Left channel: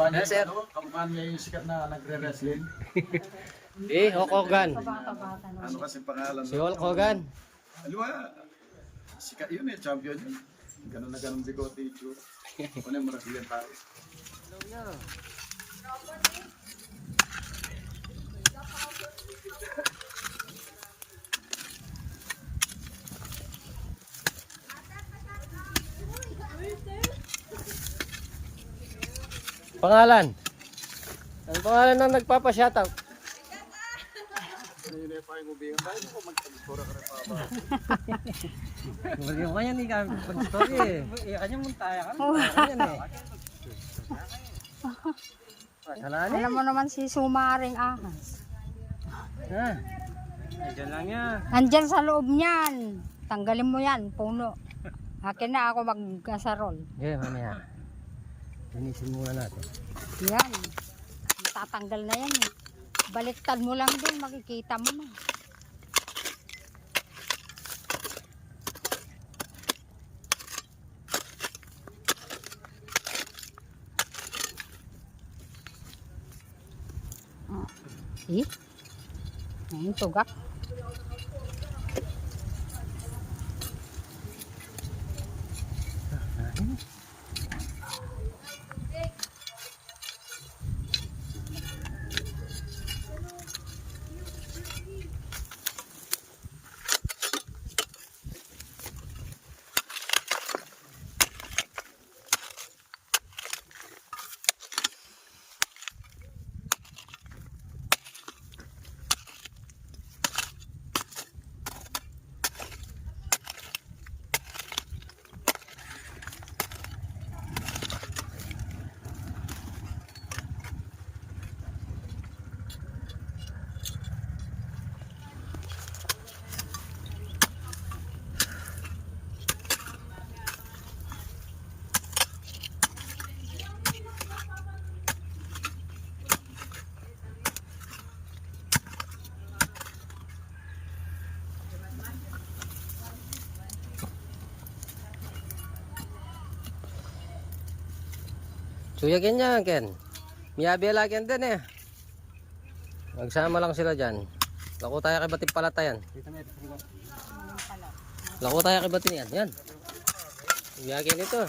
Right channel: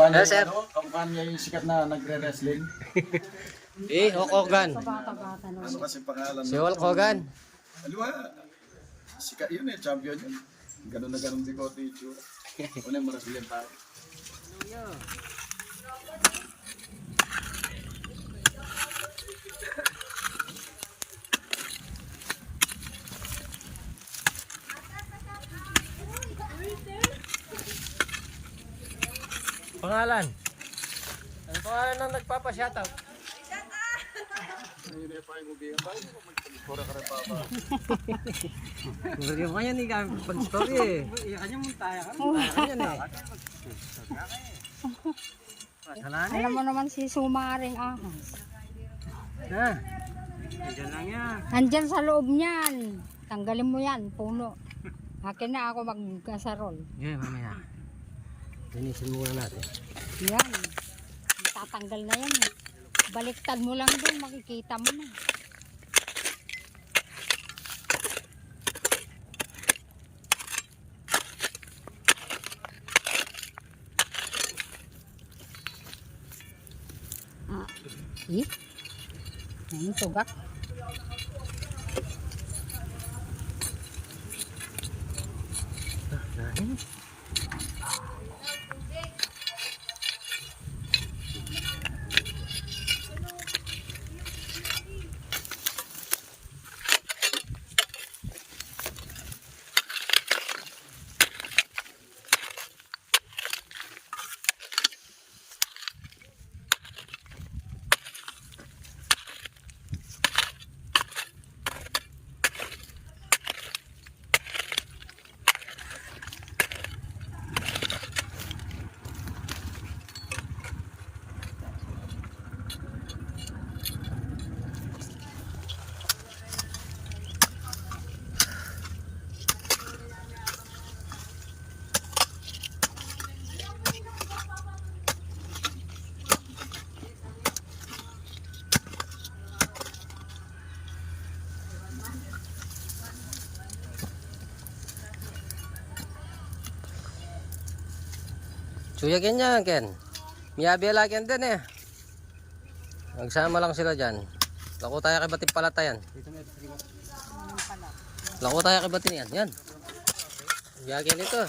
Niya, Yes, sir. ano, kamukha niya yung sikat na nagre-wrestling. Eh, Hulk Hogan. Ano kasi pangalan? Si Hulk Hogan. Aliwa, sikat yun eh, champion yun. Ganun na ganun bigote yung tsura. Ano yung Brazilian tayo? Pangalan. Ang pangalan ng nagpapa-shoutout. Yung kanya ni kami pag-story eh. Kanya mo tayo ka. Kanya na. Wala na. Alam mo naman si Sumaring Ahas. Ha? Diyan lang yan. Nandyan sa loob niyan. Tanggalin mo yan, puno. Akin na ako magkasarol. Okay, mamaya. Linisin muna natin. Yan. Tatanggal na yan. eh. Baliktad mo lang din, makikita mo na. Ah, eh? Ang tugak. Natin. Suya ganyan, Ken. Miyabi lagi din eh. Nagsama lang sila dyan. Lako tayo kay Bating Palatayan. Lako tayo kay Bating yan. Yan. Miyagi nito.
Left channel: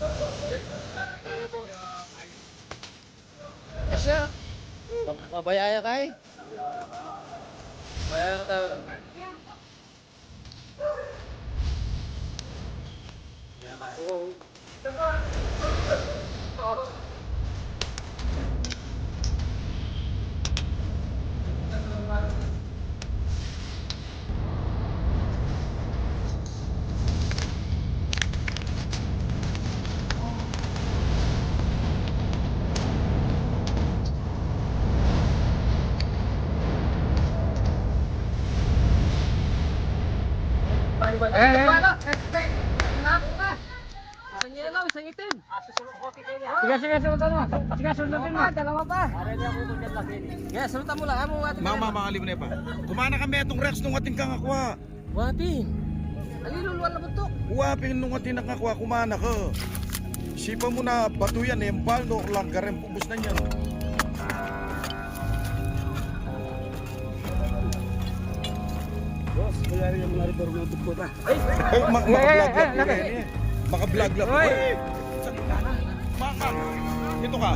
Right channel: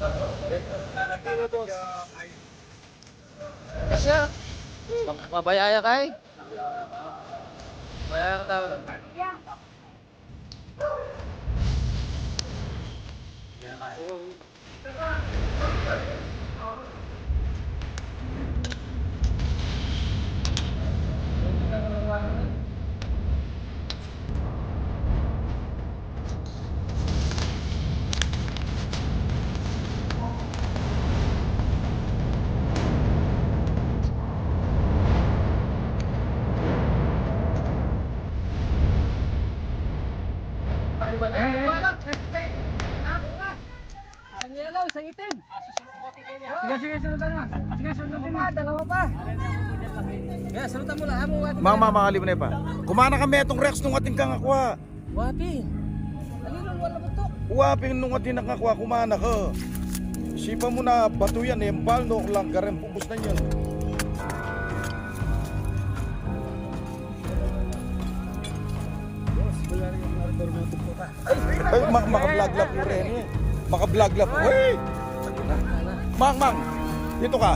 may mabaya yun. Kasi, ma- mabaya ya kay. Mabaya ka. Isang yellow, isang itim. Sige, sige, sulutan mo. Sige, sulutan mo. Dalawa pa. Sige, sulutan mo lang. Amo, ating Mama, makaliw na pa. Kumana kami itong Rex nung ating kang akwa. Wapin. Aliluluan na butok. Uwapin nung ating nakakwa, kumana ka. Sipa mo na bato yan, eh, no lang, garen, bubus na yan. Ay, mak maka-vlog lang po rin eh. Maka-vlog lang po. Ay! Sabi. Mak, mak. Dito ka.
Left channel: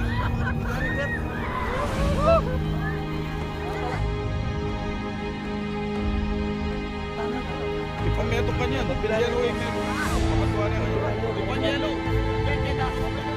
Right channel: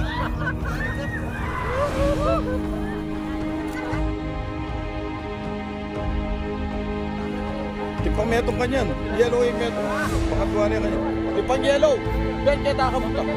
Ipang metong ka niyan. Yellow yung metong. Pakatuwa niya kayo. Ipang yellow. Yan, yan, nakamunta. Ulit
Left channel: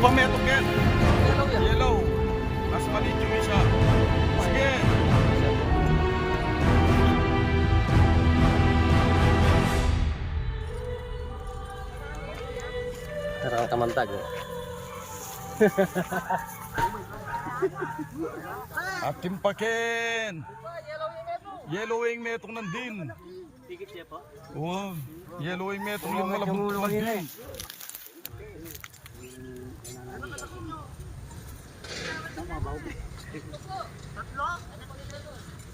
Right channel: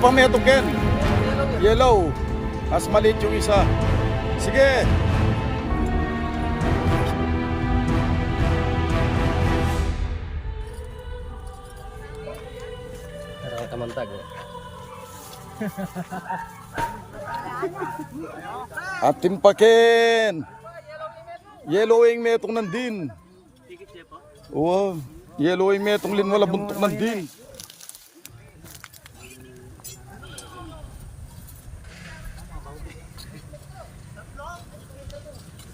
Pa metong yan. Yellow yan. Yellow. Mas maliit yung isa. Sige. Parang kamantag. oh. Atin pakin. Yellowing metong nandin. Tikit siya po. Oo. Yellowing metong lin wala buntok nandin.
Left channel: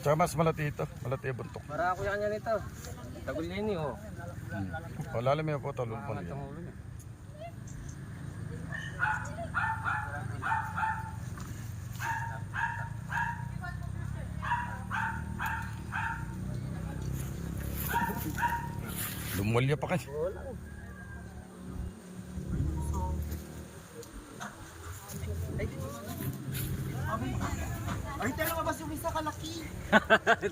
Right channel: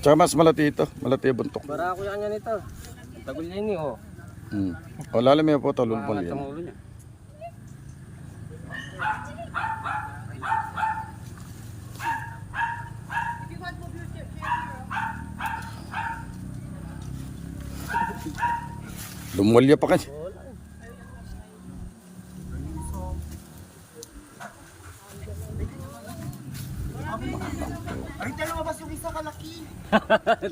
Tsaka mas malati ito. Malati yung buntok. Para ako yan yan ito. Tagol niya ini oh. Hmm. O lalim yung po talon po Ang yan. Lumulya pa kasi.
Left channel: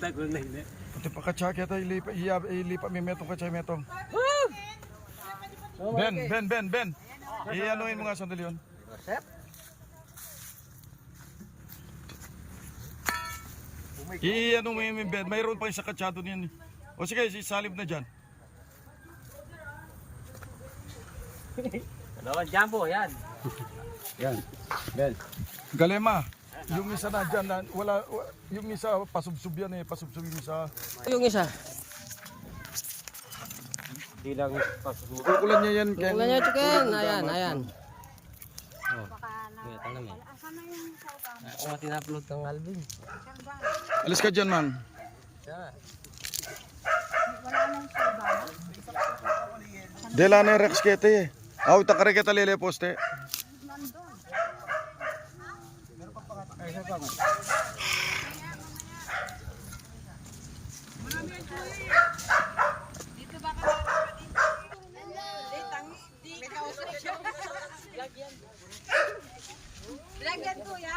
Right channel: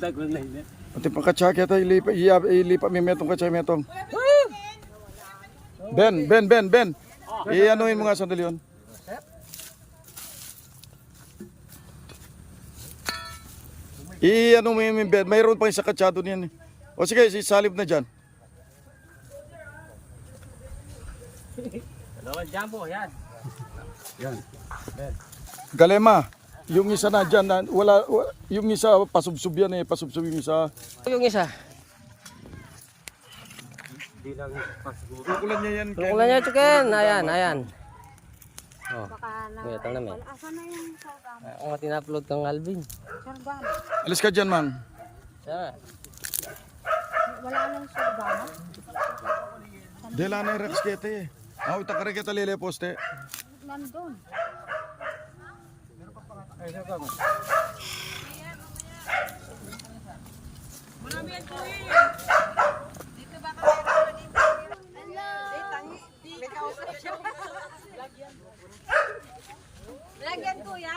Tagol na ini. Pati pa katsaki ito. Ilipa, ilipa, ilipa may metong katsaki metong. Ben, Ben, Ben, Ben. I-anuhin mo nga sandali yun. I-ano mo yung Ben. Mayroon pa yung sa katsado niyan. eh. O sige, si salib na dyan. Dalawang jumbo, yan. Yan. Ben. Galema, yung isa na dyan, na, wala, wa- yung isa pasubsub yan eh, pasubsub yung isa. Yung isa. Kukulan niya yan. Kung na ito ken, ayan, ayan. Oh. Kuya, tang namin. Ako nga tin-upload kang Alvin. Alis ka dyan. Wala nang sawgang. Dela na yung Rex kete eh. Aw, takare kita lele Kama. Lagyan kuya.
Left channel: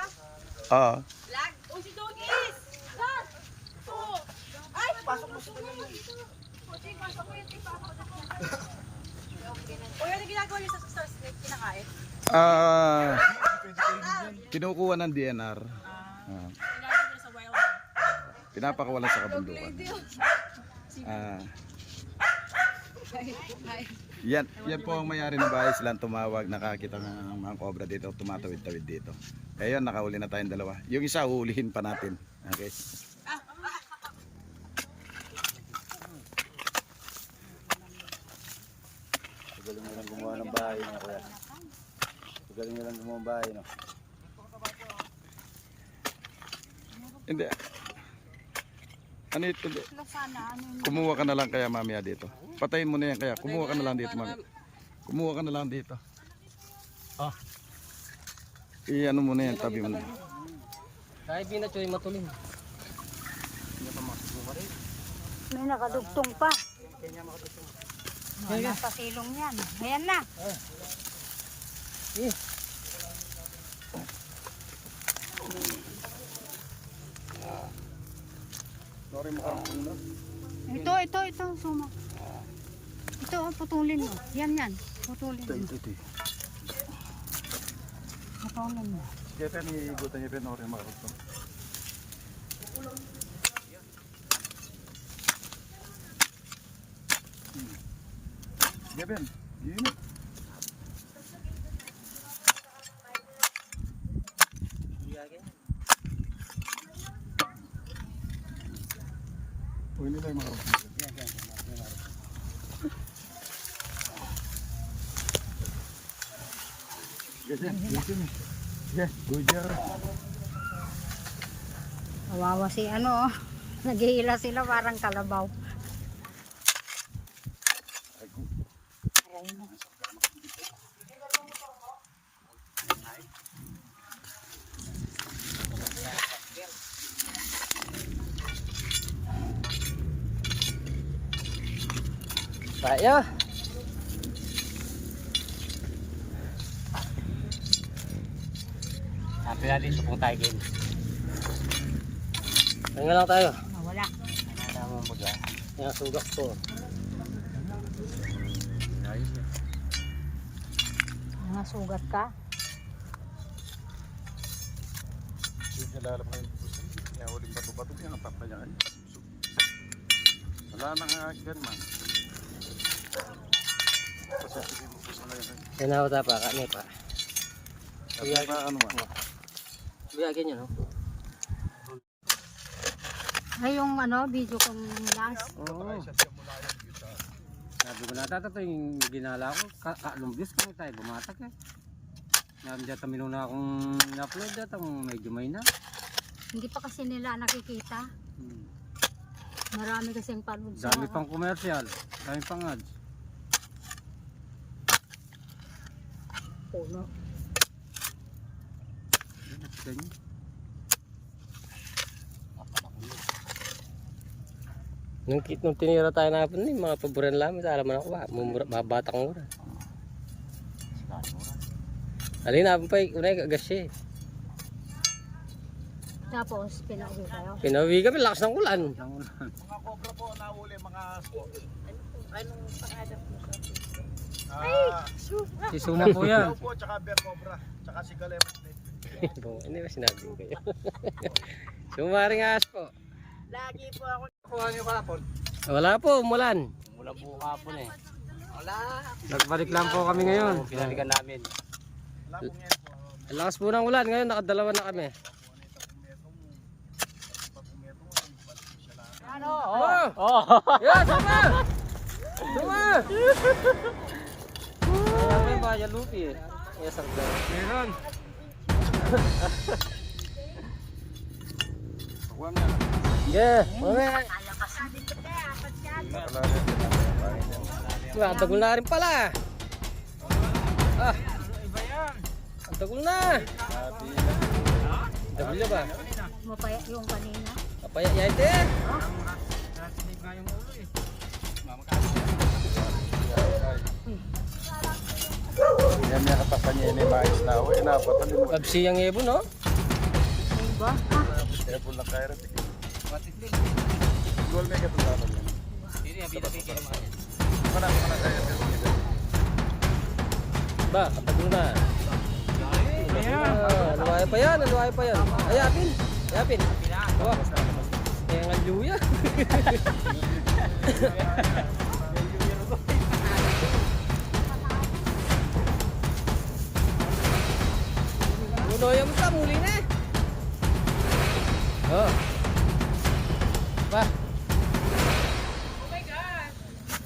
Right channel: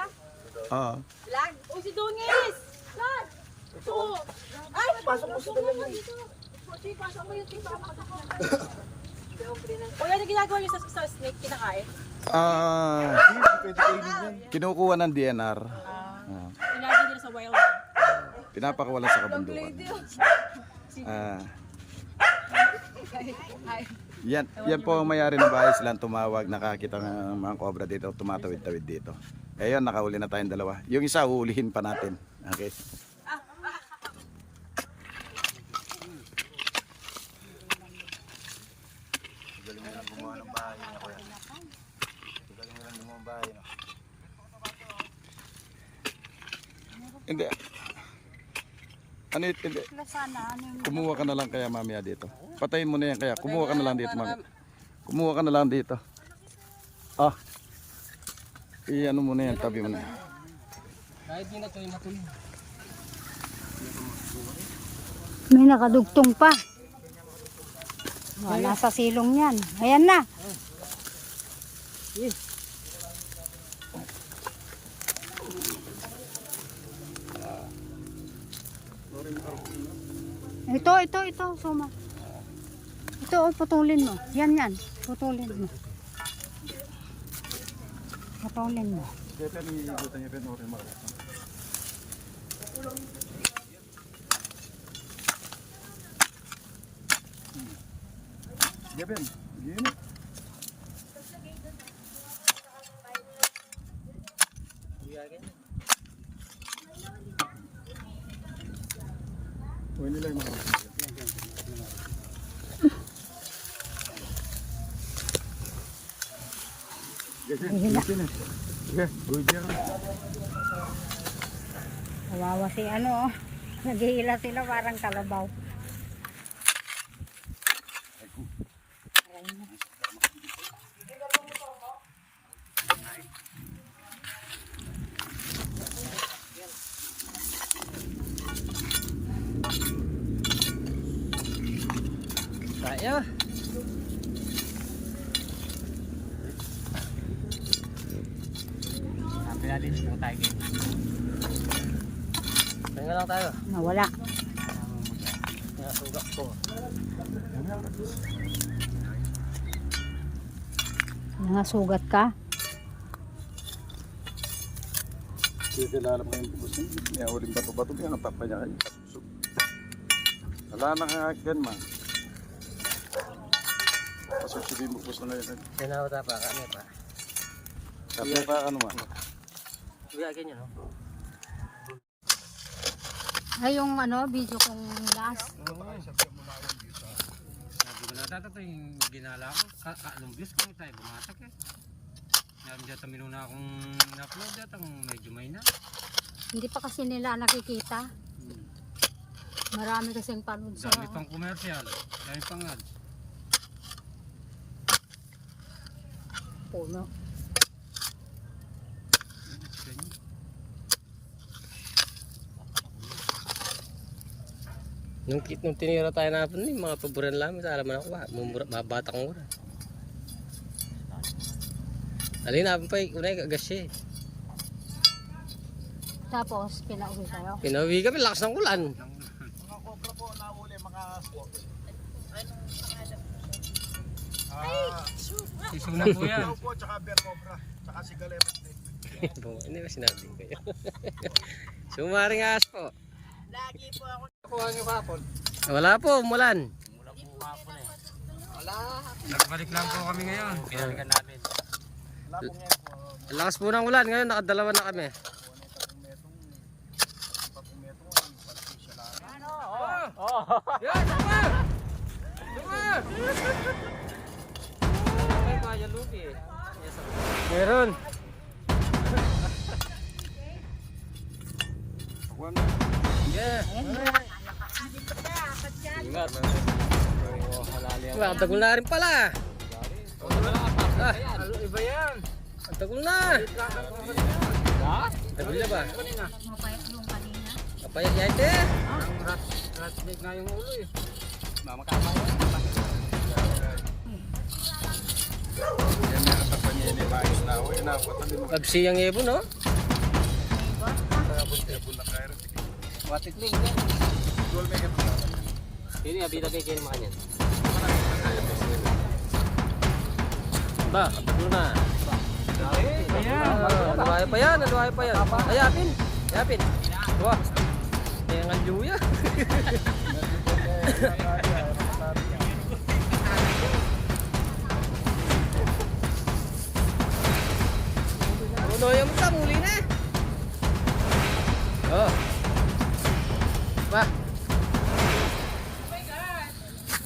Ah. Lag. O si Dungis. Lag. Ito. Ay, pasok mo sa dalawa pasok mo dito. Pasok mo dito. Kuya, ano ginagawa niyo sa snake kinakain? Ah. kinukuha ng DNR. Ah, Ilagay niyo sa wild. pinapakawalan sa kabundukan. Ah. Yan, yan po ang mayari ng bahay silang tumawag, nakakita ng mga kobra dito, tumatawid-tawid dito. Ngayon, nakahuli na tayong dalawa. Yung isa, uulihin pa natin. Okay. Galing na lang gumawa ng bahay na kuya. Galing na lang gumawa ng bahay, no? Hindi. Ano yun? Hindi. Kumuha ka na lang kaya mamaya dito. Patayin mo na yan kaya. Kumuha ka na lang dito mamaya. Kumuha ka na lang dito. Ah. I-ano mo na yan, tabi mo na. Kahit di na choy matuloy. May nakadugtong pa. Wala sa silong yan. Ayan na. Ito, Oh, putulin mo. Yan, yan. Putulin mo. Naponin mo. Kaya pa niigutan niya pa yung rin makaroon. Geben, gini. Uy, nila yung makaroon. Geben, gini. Yeah, good job. Kawawa si ano. Naghihila sila parang kalabaw. Aray na. Tayo. Natin kung tayo kayo. Tingnan lang tayo. Nawala. Pinasugas ko. Nangasugat ka? Hindi kilala mo yung gusto niya. Kaya uling bato-bato niya, natapa niya kayo. Wala na nga ganun. Tapos sabihin mo gusto na yun. Sinaw ta pa, kami pa. Sabi ka ano man. Kuya, ganyan, no? Ay, yung ano, video kong last. Oo. Sabi ko na tata yung ginala ko. Ka views ko tayo gumatak eh. Nandiyan tamino na akong in-upload at ang medyo may na. Hindi pa kasi nila nakikita. Marami kasing panood sa... Dami pang commercial. Dami pang ads. puno. Ganyan. Nung, kit- nung tinira tayo na hapon, yung mga paboran namin, alam mo na ako ba, mumura, mabatak ang mura. Alin na pa, unay kasi. Tapos, pinauwi kayo. Pinawi kami, lakas ng ulan. Mga cobra po, nahuli mga spot. Si Suma po yan. Daw po, tsaka bear cobra. Tsaka si Galemas Snake. Hindi ba sinabi ko kayo? Sumaring ahas po. Kuha niyo kahapon. Wala po, umulan. Nagbalik lang po kami ngayon. Pinalikan namin. Wala po. Ang lakas po ng ulan, ngayon nakadalawa na kami. Yan, suma! Suma! May bayan lupi eh. Meron. Kuha na. Yeah. Wah, tagol na rin pala. Ah, Iba yan. ang tagol na. Tagol na ba? Mapaya yung kanina. Kapaya yate. Ratnik mo. Babsi ang ibon, no? Siya po lang kaya rin. Watikling. Goal na kayo punta namin. Hindi nga, bida kayo kayo makanya. Marami na kayo. Ba, katagol na. Iba. Ah, pa yan, luwayo pa yan. Ayapin, ayapin. Wah, kaya nga luya. Puno yung sa muli na. Oh. Ba,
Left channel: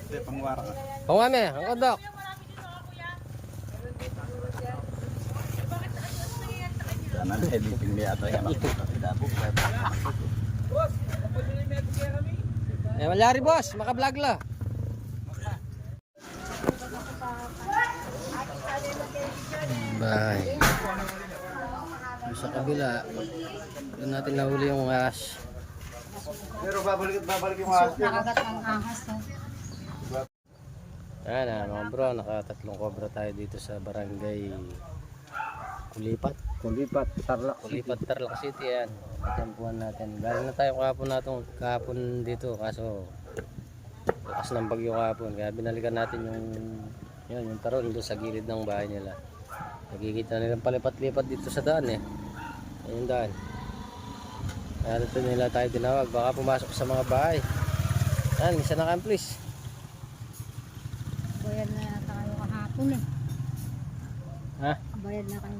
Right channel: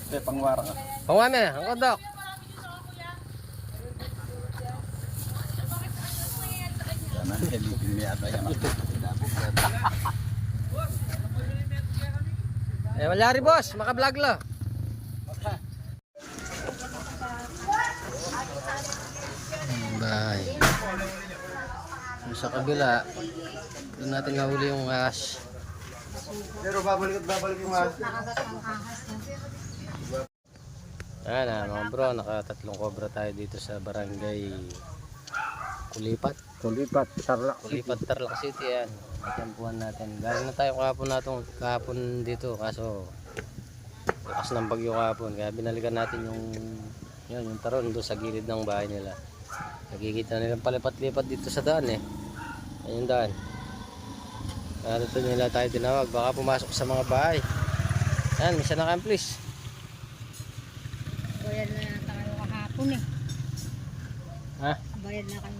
Eh, pangwara ka. pangwame, ang kodok. Yan ang editing niya ata yan. Eh, malari boss, maka-vlog la. Bye. Sa kabila, doon natin nahuli yung ahas. Pero babalik, babalik yung ahas niya. Ayan na mga bro, nakatatlong cobra tayo dito sa barangay Kulipat. Kulipat, sarla. Kulipat Tarlac City yan. Natyampuan natin. Galing na tayo kahapon natin, kahapon dito kaso lakas ng bagyo kahapon. Kaya binalikan natin yung yun, yung taron doon sa gilid ng bahay nila. Nakikita nilang palipat-lipat dito sa daan eh. Ayun daan. Kaya dito nila tayo tinawag. Baka pumasok sa mga bahay. Yan, misa na kayo please. Bayad na tayo kahapon eh. Ha? Bayad na kami